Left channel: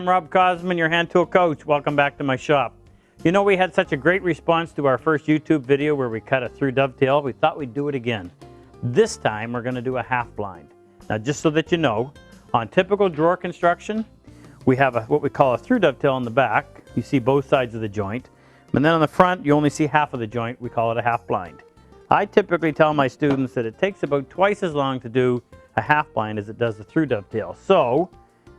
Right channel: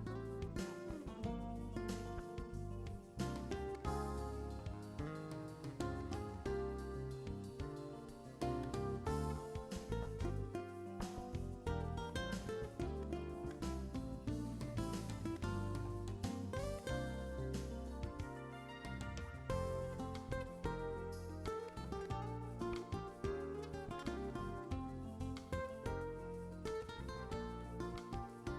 I'm Rob Cosman, your hand tool coach. Welcome back to my shop. You know, we had such a great response to our first YouTube video where we cut a through dovetail. We thought we'd do it again. This time we're going to do a half blind. Now, just so that you know, on typical drawer construction, we have what we call a through dovetail in the back. You see both sides of the joint. And then on the front, you only see half of the joint. We call it a half blind. I typically tell my students that it takes about twice as long to do a half blind as it does a through dovetail. So,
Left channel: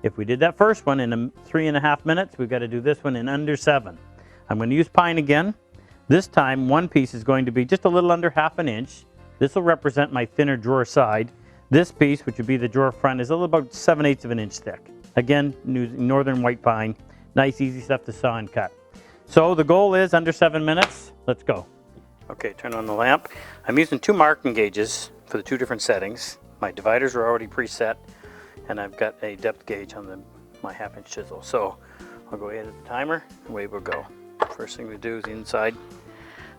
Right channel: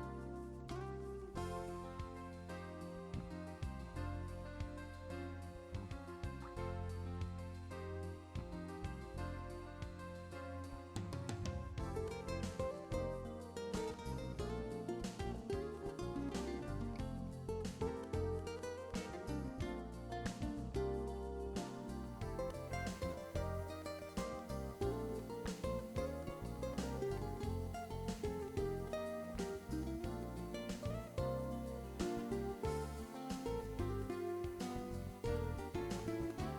if we did that first one in 3.5 minutes, we've got to do this one in under 7. I'm going to use pine again. This time, one piece is going to be just a little under 1/2 inch. This will represent my thinner drawer side. This piece, which would be the drawer front, is a little about 7/8 inch thick. Again, using northern white pine. Nice, easy stuff to saw and cut. So the goal is under 7 minutes. Let's go. Okay, turn on the lamp. I'm using 2 marking gauges for the 2 different settings. My dividers are already preset, and I've got a depth gauge on my 1/2 inch chisel. So I'll go ahead with the timer, away we'll go. First thing we do is the inside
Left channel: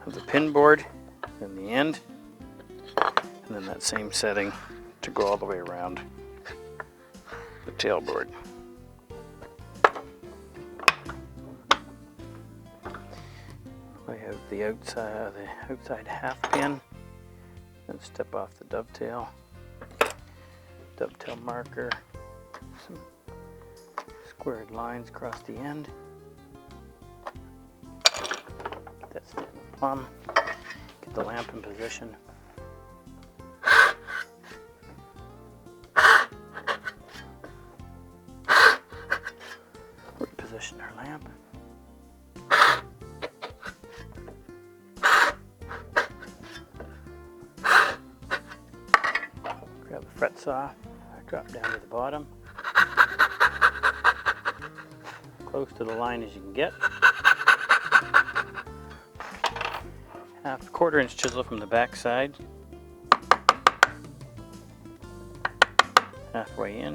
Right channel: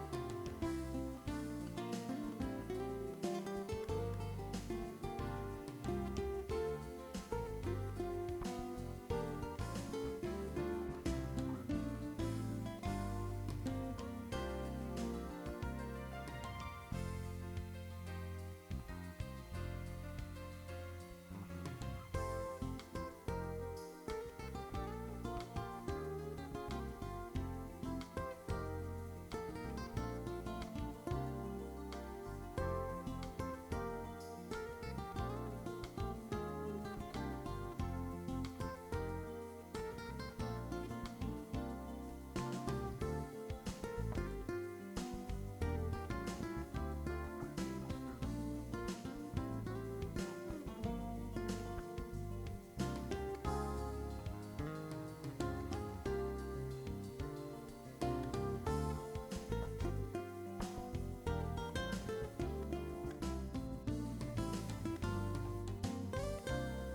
of the pin board, then the end, and then that same setting to go all the way around the tail board. We have the outside half pin, then step off the dovetail marker, some squared lines across the end. That's the plumb. Get the lamp in position. Position our lamp. Grab the fret saw. Drop down to the bottom. Close to the line as you can get. 1/4 inch chisel from the back side. Halfway in.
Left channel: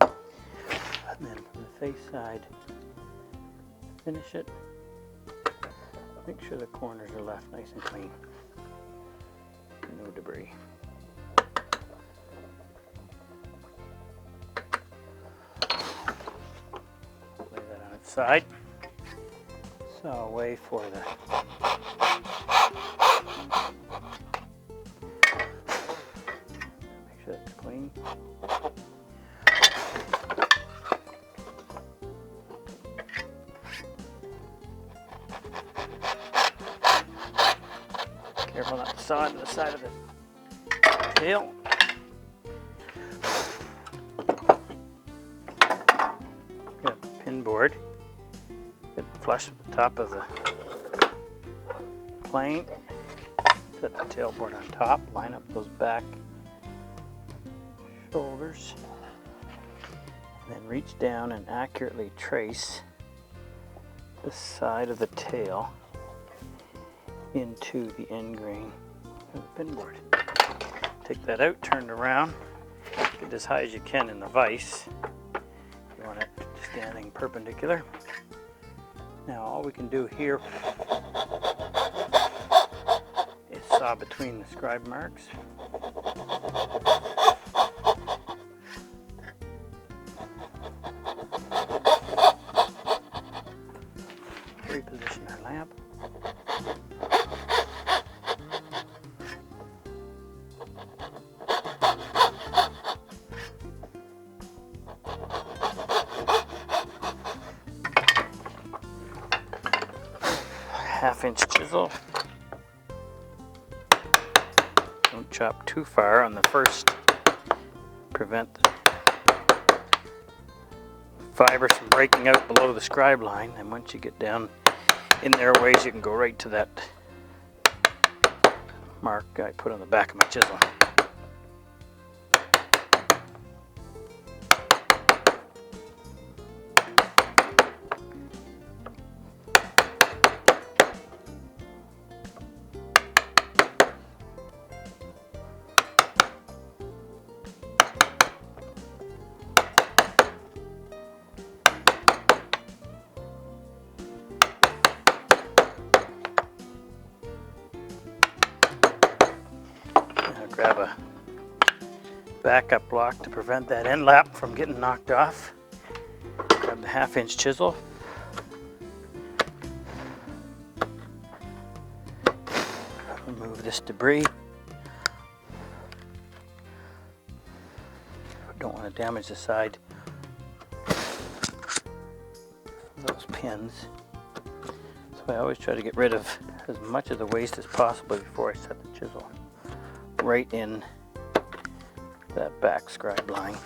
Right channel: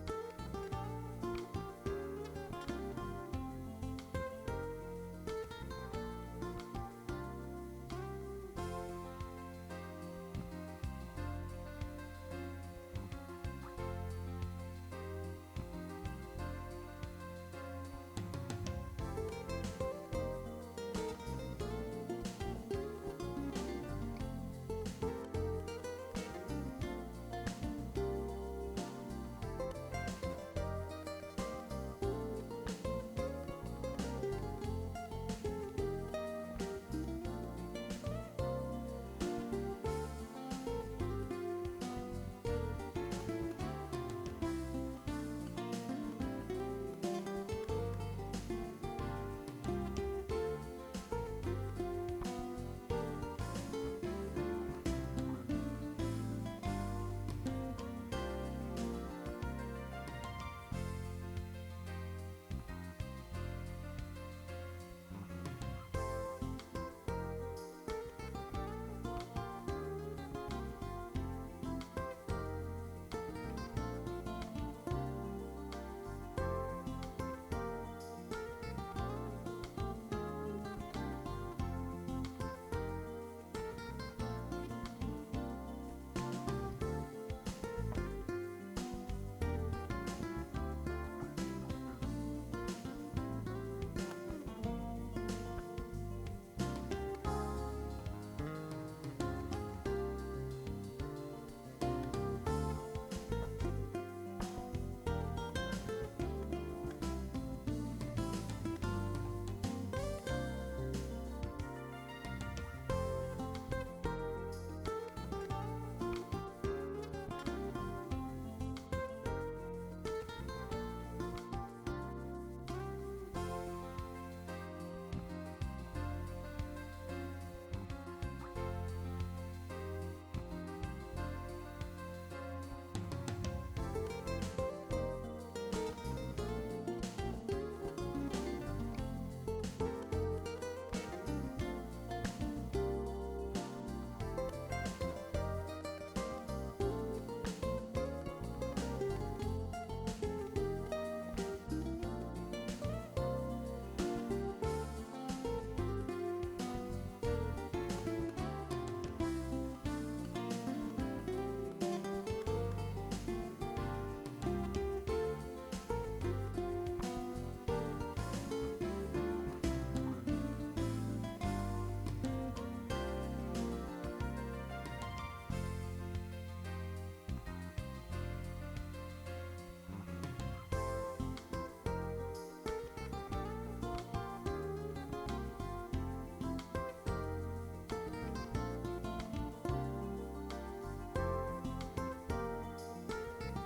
And then the face side. Finish it. Make sure the corners are left nice and clean. No debris. Put that on its side. So away for the make sure that's clean. Careful not to saw it on the side of the tail. Got the pin board. Flush the top of the plane, set the tail board on top, line up those back shoulders, then reach down and accurately trace the side of the tail into the end grain of the pin board. Take that out, turn it around, get as high as you can in the vise. You want it standing perpendicular. All we can do here is saw between the scribe marks. Reposition our lamp. Half-inch chisel. Don't chop too far on the first. Prevent the fibers from breaking out below the scribe line. And once you get down in there a ways, you can go right to that mark I put on the back of my chisel. grab backup block to prevent that end lap from getting knocked off. Grab the 1/2-inch chisel. Remove this debris. Don't want to damage the side. Those pins. So I always try to get rid of as much of the waste as possible before I set the chisel right in that back scribe line.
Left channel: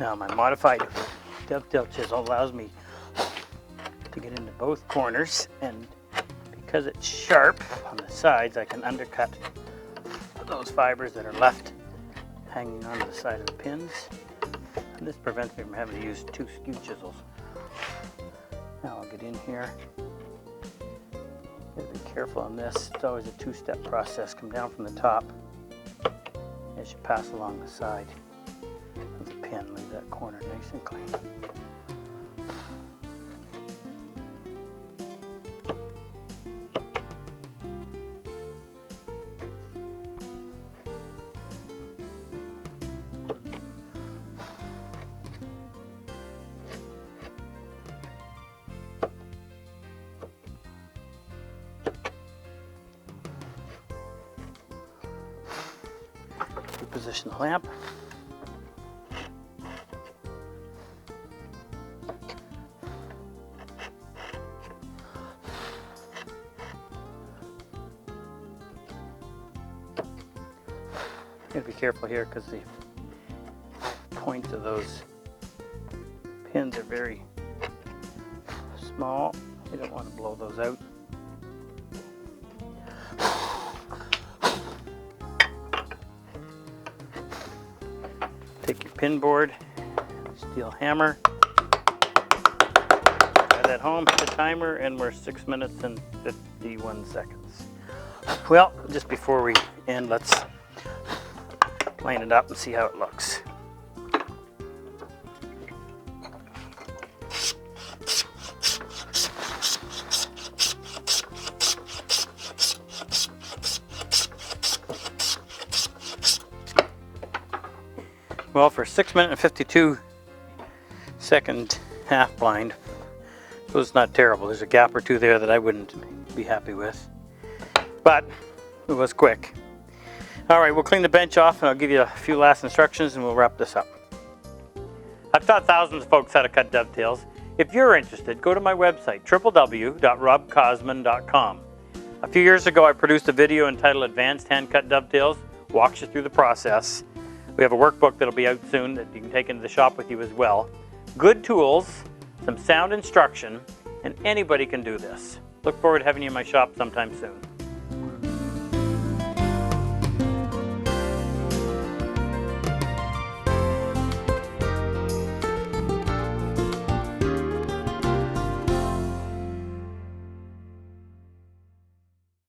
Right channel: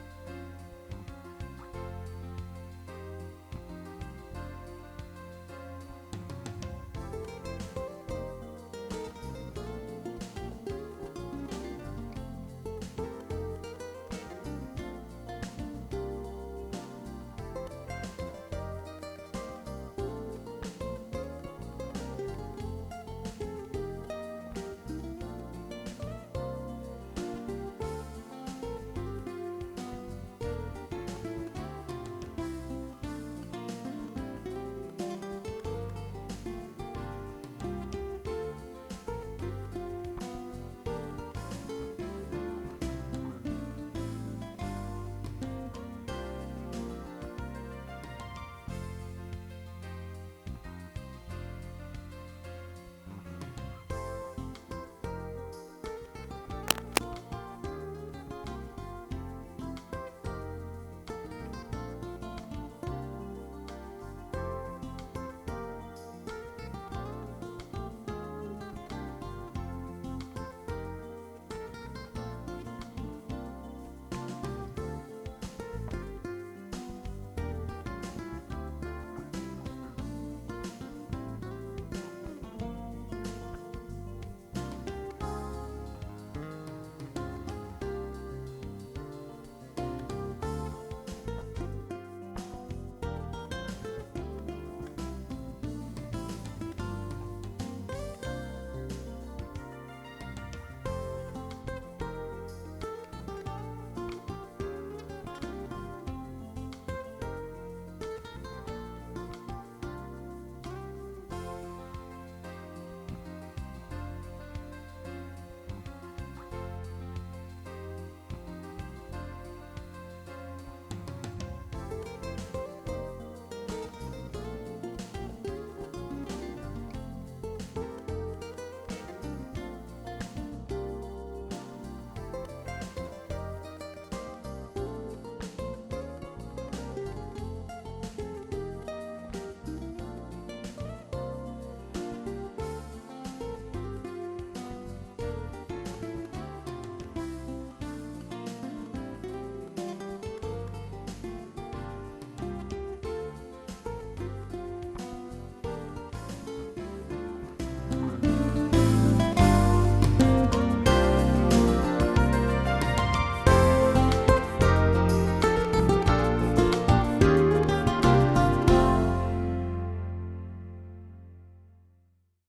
Now my modified dovetail chisel allows me to get into both corners, and because it's sharp on the sides, I can undercut those fibers that are left hanging on the side of the pins. And this prevents me from having to use 2 skew chisels. Now I'll get in here. Be careful on this. It's always a 2-step process. Come down from the top as you pass along the side. Position the lamp. Be careful here because the points of those pins are very small. You don't want to blow those out. Take your pin board, steel hammer, drive that home, hit the timer, and we're 6 minutes and 51 seconds. Well, just before we end, let's line it up and see how it looks. Well, for 6 minute and 52 second half blind, it was not terrible. There's a gap or two there that I wouldn't be happy with, but it was quick. All right, we'll clean the bench off and I'll give you a few last instructions and we'll wrap this up. I've taught thousands of folks how to cut dovetails. If you're interested, go to my website, www.RobCosman.com. A few years ago, I produced a video entitled Advanced Hand Cut Dovetails, walks you through the process. We have a workbook that'll be out soon that you can take into the shop with you as well. Good tools, some sound instruction, and anybody can do this. Look forward to having you in my shop sometime soon.